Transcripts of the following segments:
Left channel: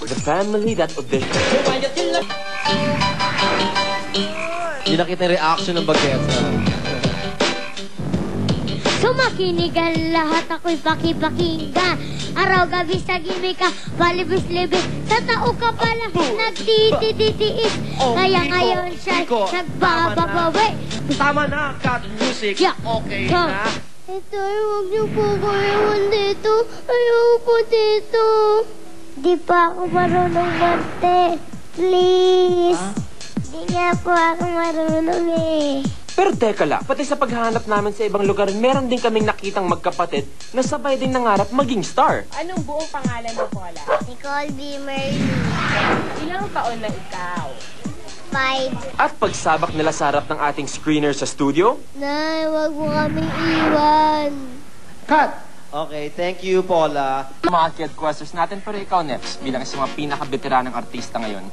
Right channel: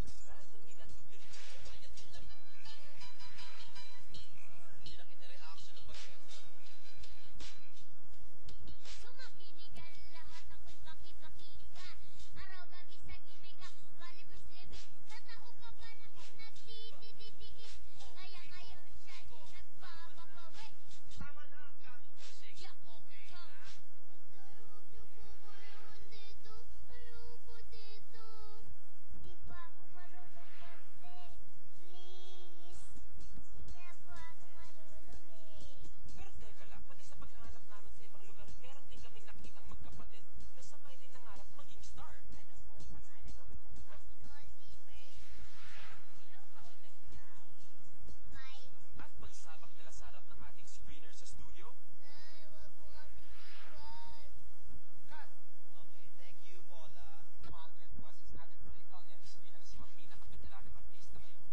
The family that auditioned. Hindi nakita yung reaction ng bagets. Sumakinig ang lahat ako'y pakipakinggan Araw gabi sa gimik ka, balibis-libis Sa tao ka pala nagtitititiis Kaya ngayon siya nagbababawi Tama na, cut music. Yeah. Okay na. Ito, huwag niyo po ko iwan dito Ayaw po dito Di pa ako marunong mante Please Di nga po ako marunong eh Pero teka lang, pati sa paghahanap namin sa ibang lugar, meron din kaming nakitang magkapatid na sabay din nangarap maging star. Anong buong pangalan mo, Paula? Nicole B. Merly Ilang taon na ikaw? Five At pagsabak nila sa harap ng ating screener sa studio, Nay, wag mo kaming iwan. Cut! Okay, thank you, Paula. mga kid questers natin, pero ikaw, Neps, bilang isang mga pinaka-veteranang artista ngayon,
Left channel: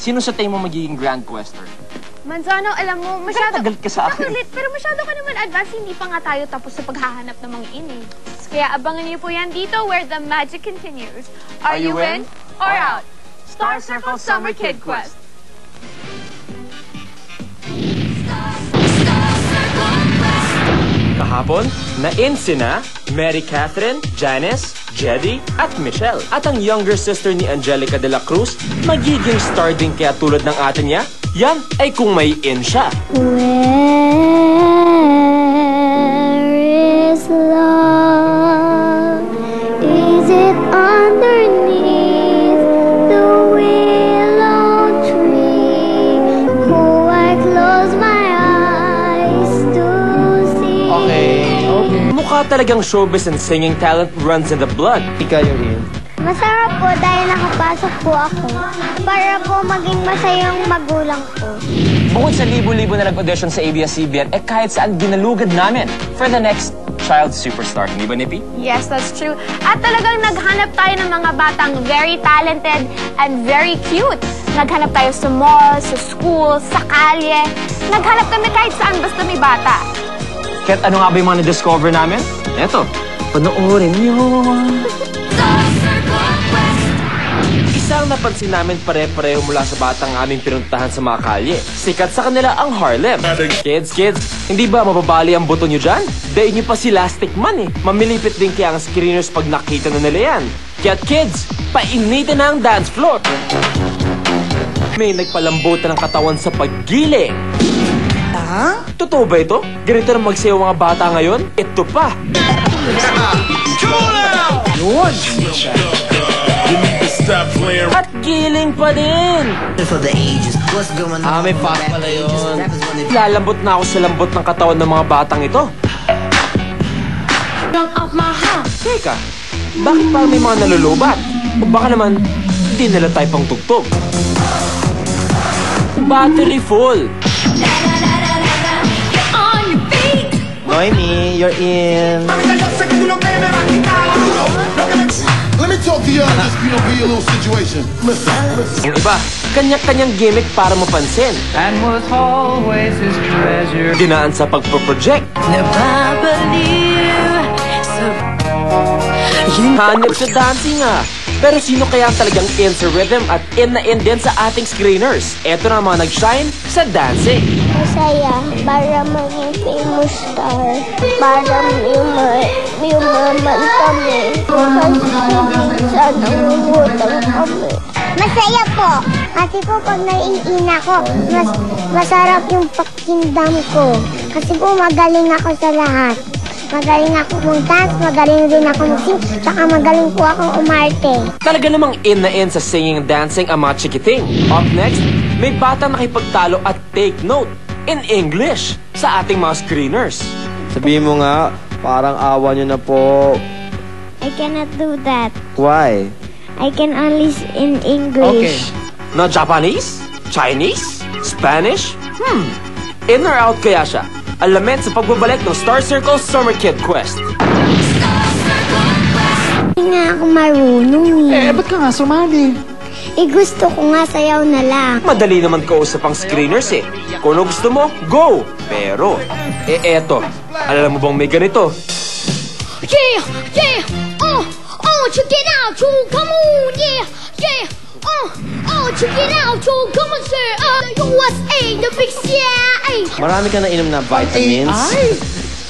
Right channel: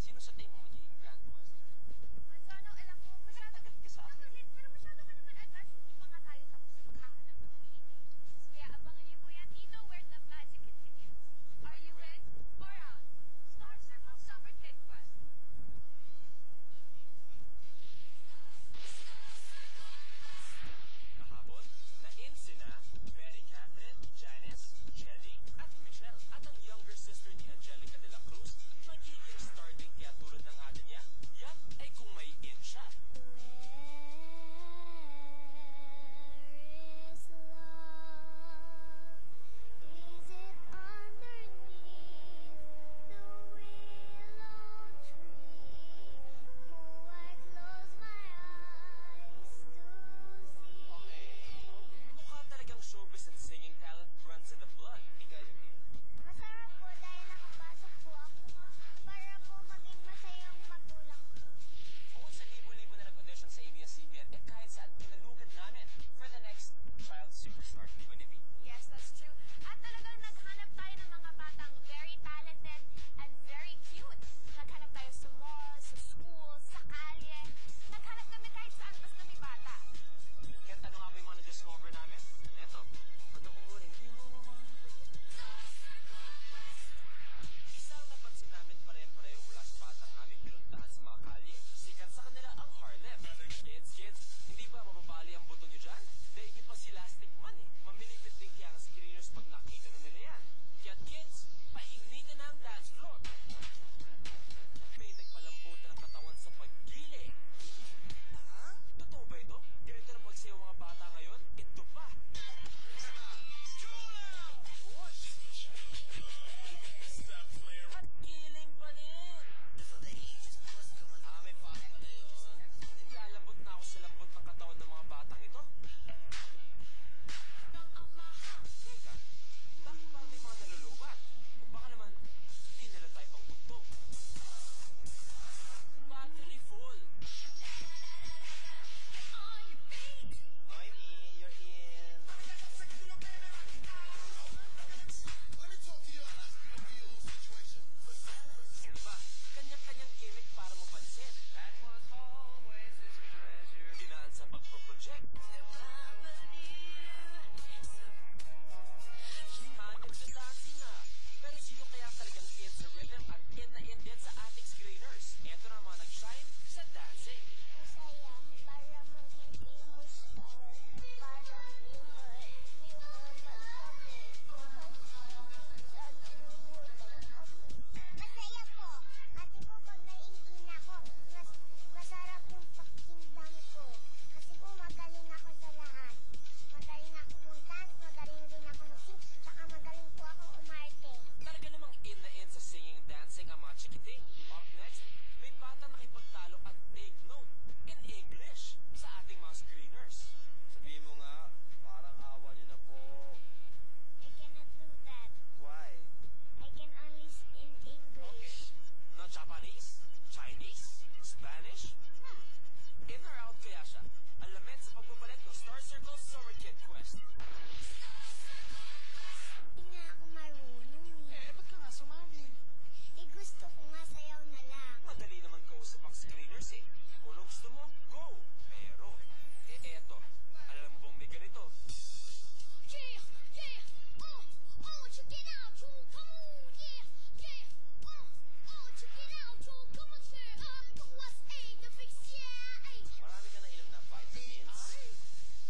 sino sa tingin mo magiging grand quester? Manzano, alam mo, masyado... Tagal ka sa akin. Nakulit, pero masyado ka naman advance. Hindi pa nga tayo tapos sa paghahanap ng mga ini. Kaya abangan niyo po yan dito where the magic continues. Are, you in or out? Star Circle Summer Kid Quest. Kahapon, na-in sina Mary Catherine, Janice, Jedi, at Michelle. At ang younger sister ni Angelica de la Cruz, magiging star din kaya tulad ng ate niya, yan ay kung may in siya. Where talagang showbiz and singing talent runs in the blood. Ika yung in. Masarap po dahil nakapasok po ako. Para po maging masayang magulang ko. Bukod sa libo-libo na nag-audition sa ABS-CBN, eh kahit saan ginalugad namin for the next child superstar. Hindi ba, Nippy? Yes, that's true. At talagang naghanap tayo ng mga batang very talented and very cute. Naghanap tayo sa mall, sa school, sa kalye. Naghanap kami kahit saan basta may bata. Kahit ano nga ba yung mga na-discover namin? Eto, panoorin niyo. Isang napansin namin pare-pareho mula sa batang aming pinuntahan sa mga kalye. Sikat sa kanila ang Harlem. Kids, kids, hindi ba mababali ang buto nyo dyan? Daig nyo pa si Lastic Man eh. Mamilipit din kaya ang screeners pag nakita na nila yan. Kaya kids, painitin na ang dance floor. May nagpalambutan ng katawan sa paggiling. Totoo ba ito? Ganito na magsayaw mga bata ngayon? Ito pa! Playing. At giling pa din! Ah, may pack pala yun. Lalambot na ako sa lambot ng katawan ng mga batang ito. Teka, bakit parang may mga nalulubat? O baka naman, hindi nila tayo pang tugtog. Battery full! Noemi, you're in. Let me talk to you on this, you know, be a little situation. Listen, listen. Yung iba, kanya-kanyang gimmick para mapansin. and was always his treasure. Dinaan sa pagpo-project. Hanip sa dancing ah. Pero sino kaya ang talagang in sa rhythm at in na in din sa ating screeners? Eto na ang mga nag-shine sa dancing. Masaya para maging famous star. Para yuman, yumaman kami. Kasi minsan nangungutang kami. Masaya po. Kasi po pag naiina ko, mas masarap yung pakindam ko. Kasi po magaling ako sa lahat. Magaling ako mag-dance, magaling rin ako mag-sing, saka magaling po akong umarte. Talaga namang in na in sa singing and dancing ang mga chikiting. Up next, may bata nakipagtalo at take note in English sa ating mga screeners. Sabihin mo nga, parang awa nyo na po. I cannot do that. Why? I can only in English. Na Japanese? Chinese? Spanish? Hmm. In or out kaya siya? Alamin sa pagbabalik ng Star Circle Summer Kid Quest. Hindi nga ako marunong eh. Eh, ba't ka nga sumali? Eh gusto ko nga sayaw na lang. Madali naman kausap ang screeners eh. Kung ano gusto mo, go! Pero, eh eto, alam mo bang may ganito? Yeah! Yeah! Oh! Oh! Oh, check it out, you come on, yeah, yeah. Oh, oh, check it out, you come on, sir. Uh, USA, the big CIA. Marami ka na inom na vitamins.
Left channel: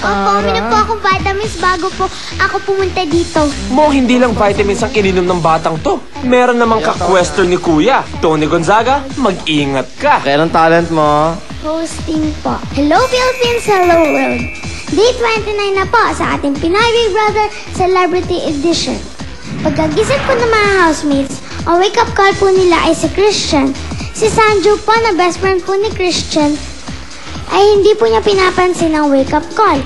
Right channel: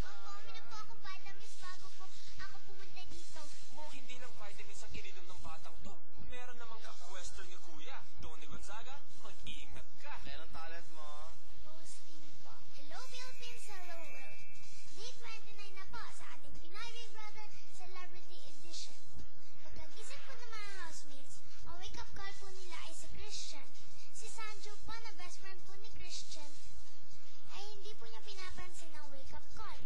Opo, uminom po akong vitamins bago po ako pumunta dito. Mo, hindi lang vitamins ang ininom ng batang to. Meron namang ka-question ni Kuya. Tony Gonzaga, mag-ingat ka. Kaya ng talent mo. Hosting po. Hello Philippines, hello world. Day 29 na po sa ating Pinoy Big Brother Celebrity Edition. Pagkagising po ng mga housemates, ang wake-up call po nila ay si Christian. Si Sanjo po na best friend po ni Christian ay hindi po niya pinapansin ang wake-up call.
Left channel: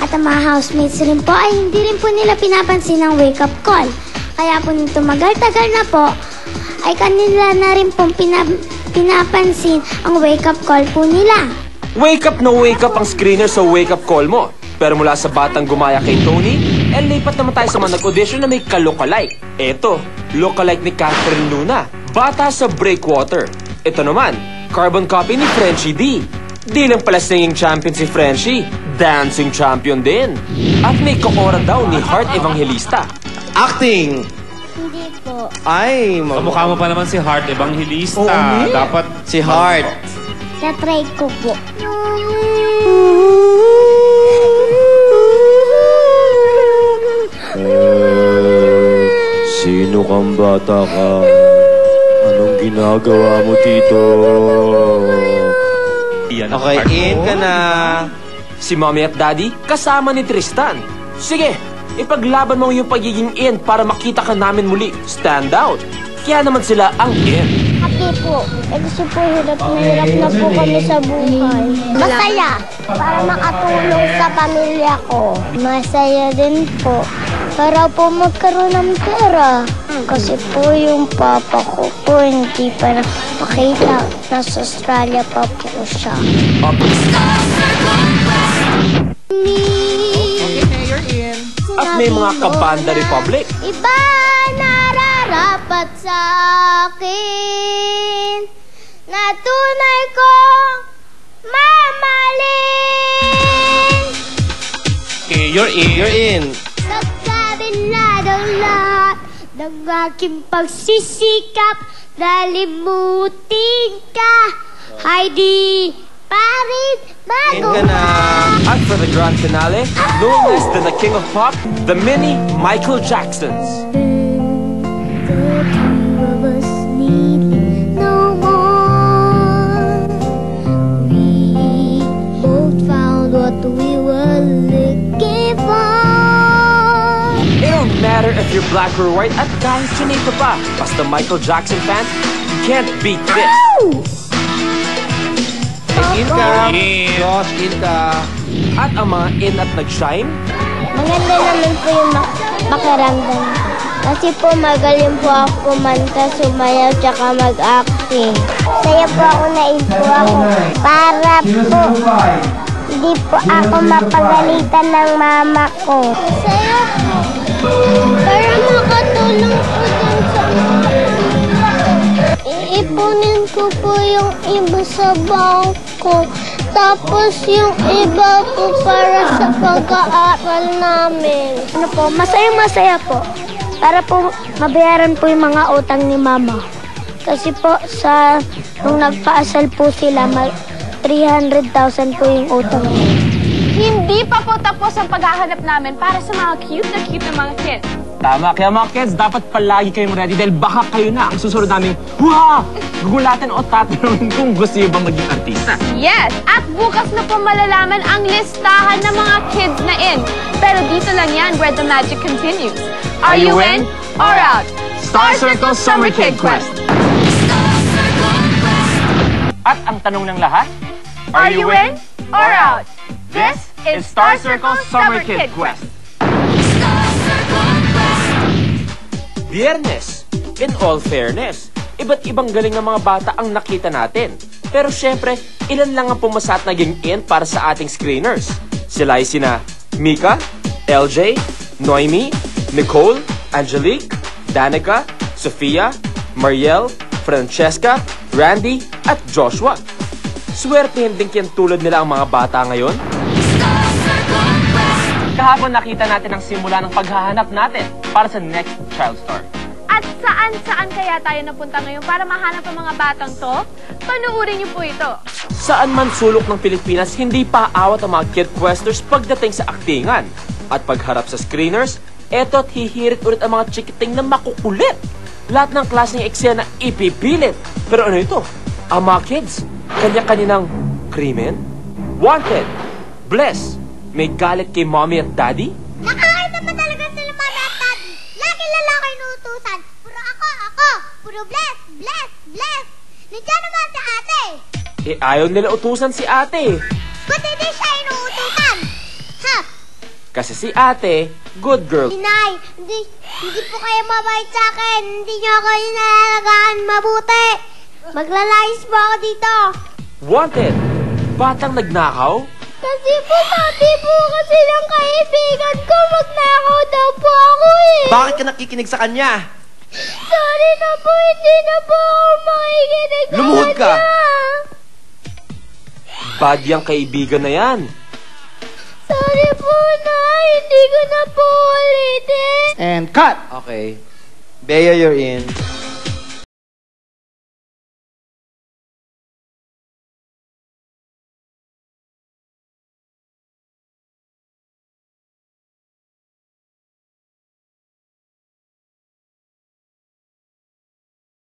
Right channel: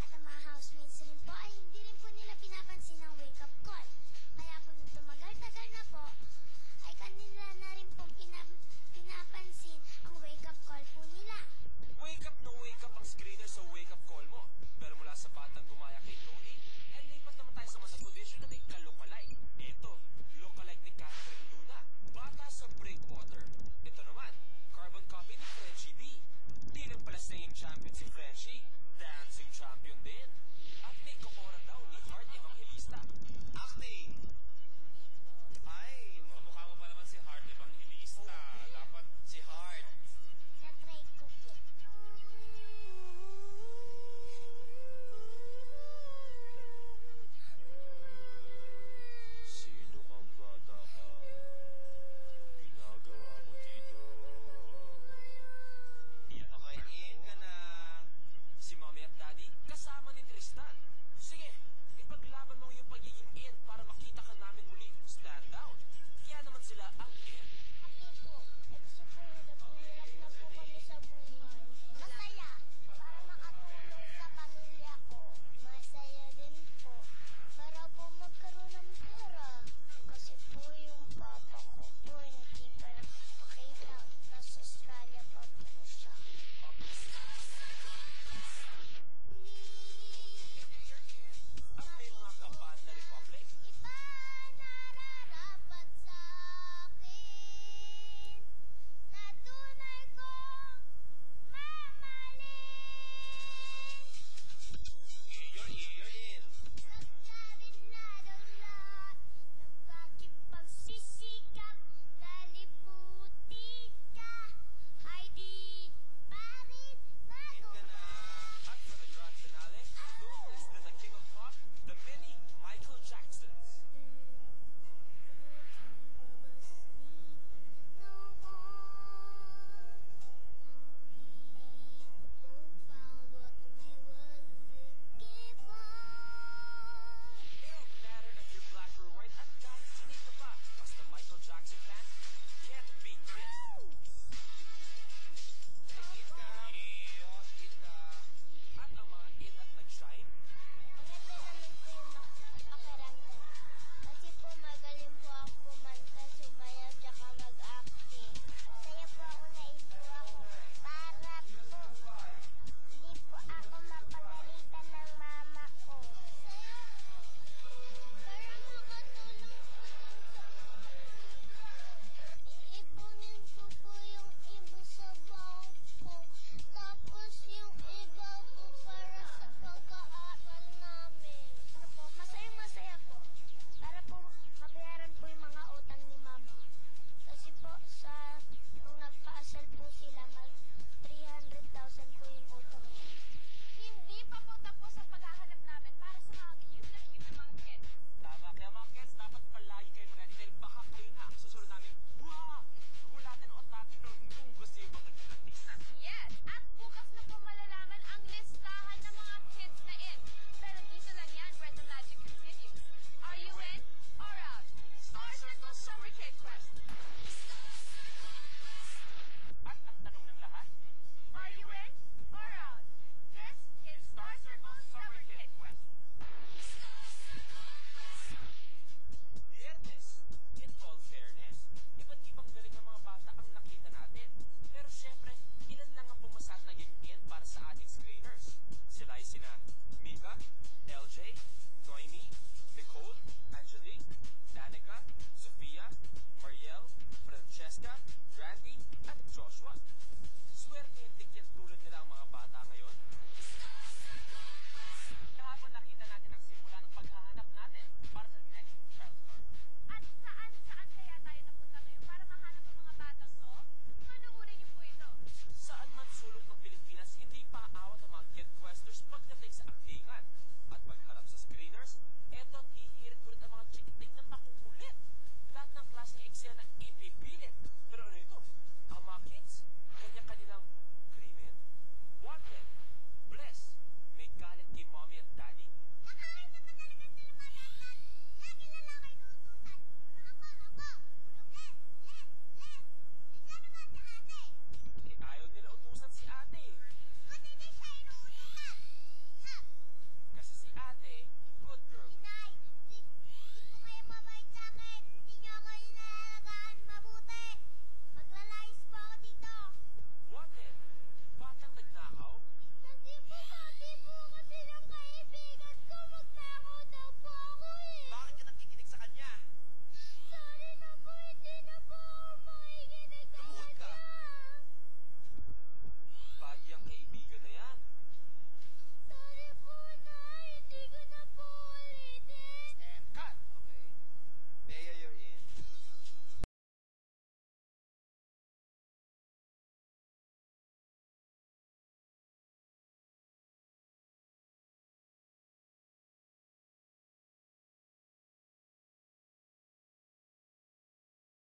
At ang mga housemates rin po ay hindi rin po nila pinapansin ang wake-up call. Kaya po nung tumagal-tagal na po, ay kanila na rin pong pina- pinapansin ang wake-up call po nila. Wake up na wake up ang screener sa wake up call mo. Pero mula sa batang gumaya kay Tony, eh lipat naman tayo sa mga nag-audition na may ka-lookalike. Eto, lookalike ni Catherine Luna, bata sa Breakwater. Ito naman, carbon copy ni Frenchie D. Di lang pala singing champion si Frenchie, dancing champion din. At may kokora daw ni Heart Evangelista. Acting! Hindi po. Ay, mag- Kamukha mo pa naman si Heart Evangelista. Dapat si Heart. Tatry ko po. Eh, sino kang bata ka? Anong ginagawa mo dito? Yan ang Okay, in ka na. Si Mommy at Daddy kasama ni Tristan. Sige, ipaglaban mo yung pagiging in para makita ka namin muli. Stand out. Kaya naman sila ang in. Happy po. Eh kasi po hirap na hirap na po kami sa buhay. Masaya. Para makatulong sa pamilya ko. Masaya din po. Para po magkaroon ng pera. Kasi po yung papa ko po hindi pa nakapakita. Nasa Australia pa po siya. At may mga kabanda Republic. Iba nararapat sa akin na tunay kong mamaling Okay, you're in. You're in. Kabila ng aking pagsisikap nalimutin ka Heidi Parit In bago na. At for the grand finale, known as the King of Pop, the mini Michael Jacksons. Matter if you're black or white at kahit chinito pa. Basta Michael Jackson fan, you can't beat this. In ka. In. Josh, in ka. At ang mga in at nag-shine, Maganda naman po yung mak-. Kasi po magaling po ako kumanta, sumayaw, tsaka mag-acting. Saya po ako na po ako para po hindi po ako mapagalitan ng mama ko. Saya po. Para makatulong po dun sa Iipunin ko po yung iba sa bangko. Tapos yung iba po para sa pag-aaral namin. Ano po, masaya-masaya po. Para po mabayaran po yung mga utang ni Mama. Kasi po sa nung nagpaasal po sila, ma- 300,000 po yung utang. Hindi pa po tapos ang paghahanap namin para sa mga cute na cute na mga kids. Tama, kaya mga kids, dapat palagi kayong ready dahil baka kayo na ang susunod naming, Wow! Gugulatan o tatanungin kung gusto nyo ba maging artista. Yes! At bukas na po malalaman ang listahan ng mga kids na in. Pero dito lang yan where the magic continues. Are, you in or out? Star Circle Summer Kid Quest. At ang tanong ng lahat, Are you in or out? This is Star Circle Summer Kid Quest. Biyernes. In all fairness, iba't ibang galing ng mga bata ang nakita natin. Pero syempre, ilan lang ang pumasa at naging in para sa ating screeners. Sila ay sina Mika, LJ, Noemi, Nicole, Angelique, Danica, Sofia, Mariel, Francesca, Randy, at Joshua. Swerte din kyan tulad nila ang mga bata ngayon. Kahapon nakita natin ang simula ng paghahanap natin para sa next child star. At saan-saan kaya tayo napunta ngayon para mahanap ang mga batang to? Panuorin niyo po ito. Saan man sulok ng Pilipinas, hindi pa awat ang mga kid questers pagdating sa aktingan. At pagharap sa screeners, eto't hihirit ulit ang mga chikiting na makukulit. Lahat ng klaseng eksena ipipilit. Pero ano ito? Ang mga kids, kanya-kaninang krimen? Wanted, bless, may galit kay mommy at daddy? Nakakain naman talaga sila mami at daddy. Lagi lalaki inuutusan. Puro ako, ako. Puro bless, bless, bless. Nandiyan naman si ate. Eh ayaw nila utusan si ate. Ba't hindi siya inuutusan? Ha? Kasi si ate, good girl. Inay, hindi, hindi po kayo mabait sa akin. Hindi niyo ako inalagaan mabuti. Maglalayas po ako dito. Wanted, batang nagnakaw? Kasi po sabi po kasi ng kaibigan ko, magnakaw daw po ako eh. Bakit ka nakikinig sa kanya? Sorry na po, hindi na po ako makikinig sa Lumuhod ka. kanya. Bad yung kaibigan na yan. Sorry po na, hindi ko na po ulitin. And cut! Okay. Bea, you're in.